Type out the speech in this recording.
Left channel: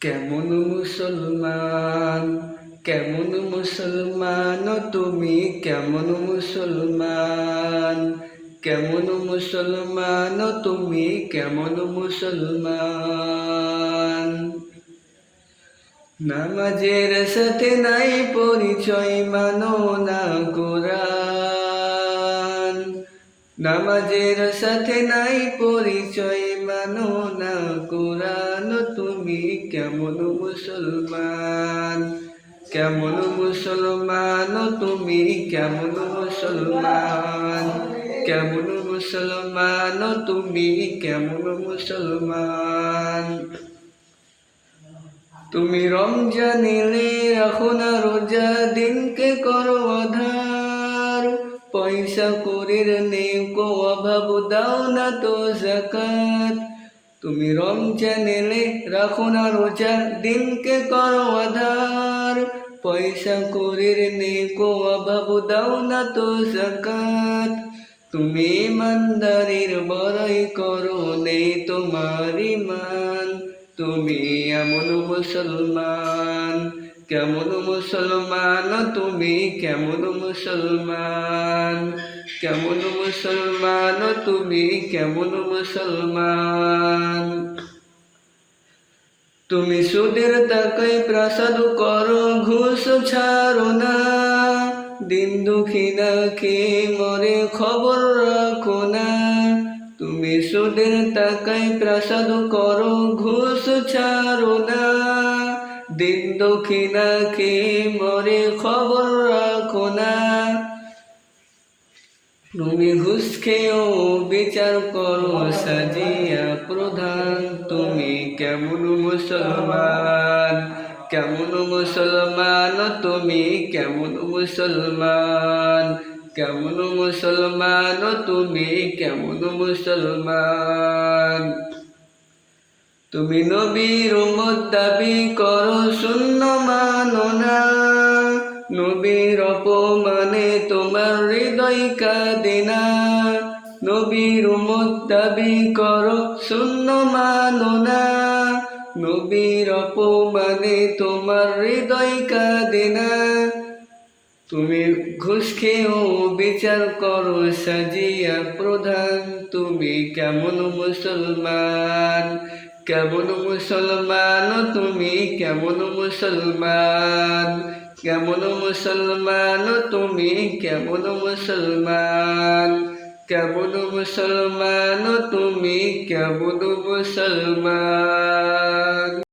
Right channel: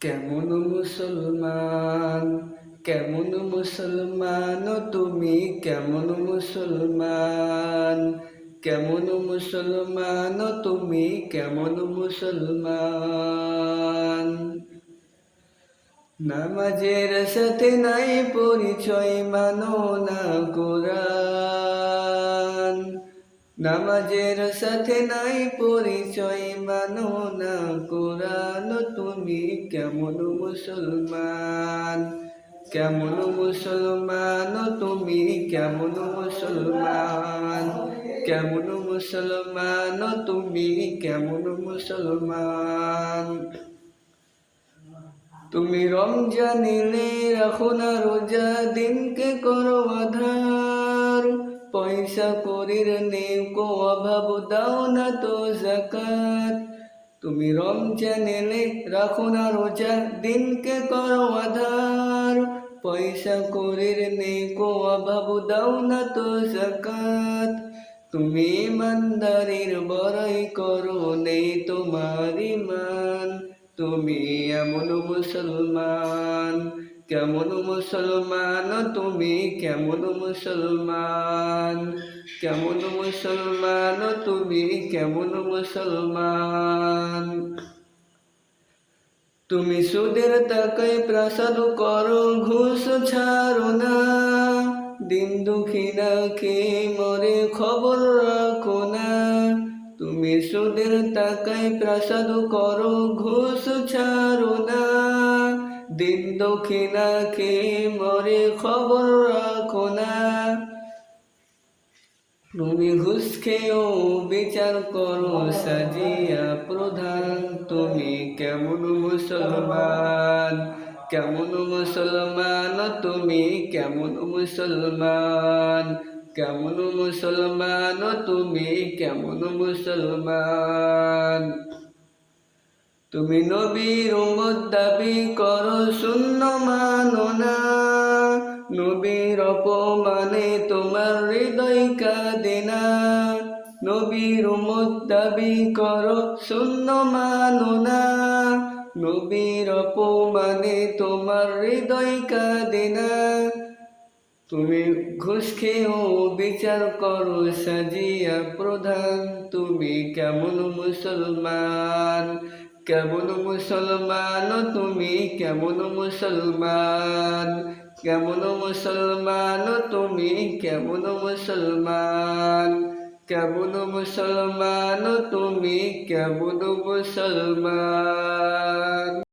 কেমন মুসলমান, কেমন মুসলমান তুমি, কেমন মুসলমান, কেমন মুসলমান তুমি, কেমন মুসলমান। নামাজের সাথে নাই পরিচয়, মানো না কোরআন। নামাজের সাথে নাই পরিচয়, মানো না কোরআন। তুমি কেমন মুসলমান, কেমন মুসলমান তুমি, কেমন মুসলমান, কেমন মুসলমান তুমি, কেমন মুসলমান। তুমি রমজান এলে রাখো না রোজা, দিনকে করো আধার। পয়সা করির নেই কো অভাব, দাও না তো যাকাত। তুমি রমজান এলে রাখো না রোজা, দিনকে করো আধার। পয়সা করির নেই কো অভাব, দাও না তো যাকাত। তুমি ইমানদারির বড়াই করো, নেই তোমার ঈমান। তুমি এমন মুসলমান, কেমন মুসলমান তুমি, কেমন মুসলমান, কেমন মুসলমান তুমি, কেমন মুসলমান। তুমি সুদের টাকায় প্রাসাদ করো, ঘুষ ছাড়ো না। দিন দুঃখী না খেয়ে মরে, খবর রাখো না। তুমি সুদের টাকায় প্রাসাদ করো, ঘুষ ছাড়ো না। দিন দুঃখী না খেয়ে মরে, খবর রাখো না। তুমি ঘুষ খেয়েও বিচার করো সাজিয়া প্রধান। তুমি কেমন মুসলমান, কেমন মুসলমান তুমি, কেমন মুসলমান, কেমন মুসলমান তুমি, কেমন মুসলমান। তুমি নবীর উম্মত দাবি করো, শূন্য মানো না। নবীর অপমানে তোমার হৃদয় কাঁদে না। নবীর উম্মত দাবি করো, শূন্য মানো না। নবীর অপমানে তোমার হৃদয় কাঁদে না। তুমি ঘুষ খেয়েও বিচার করো সাজিয়া প্রধান। তুমি কেমন মুসলমান, কেমন মুসলমান তুমি, কেমন মুসলমান, কেমন মুসলমান তুমি, কেমন মুসলমান, কেমন মুসলমান তুমি, কেমন মুসলমান।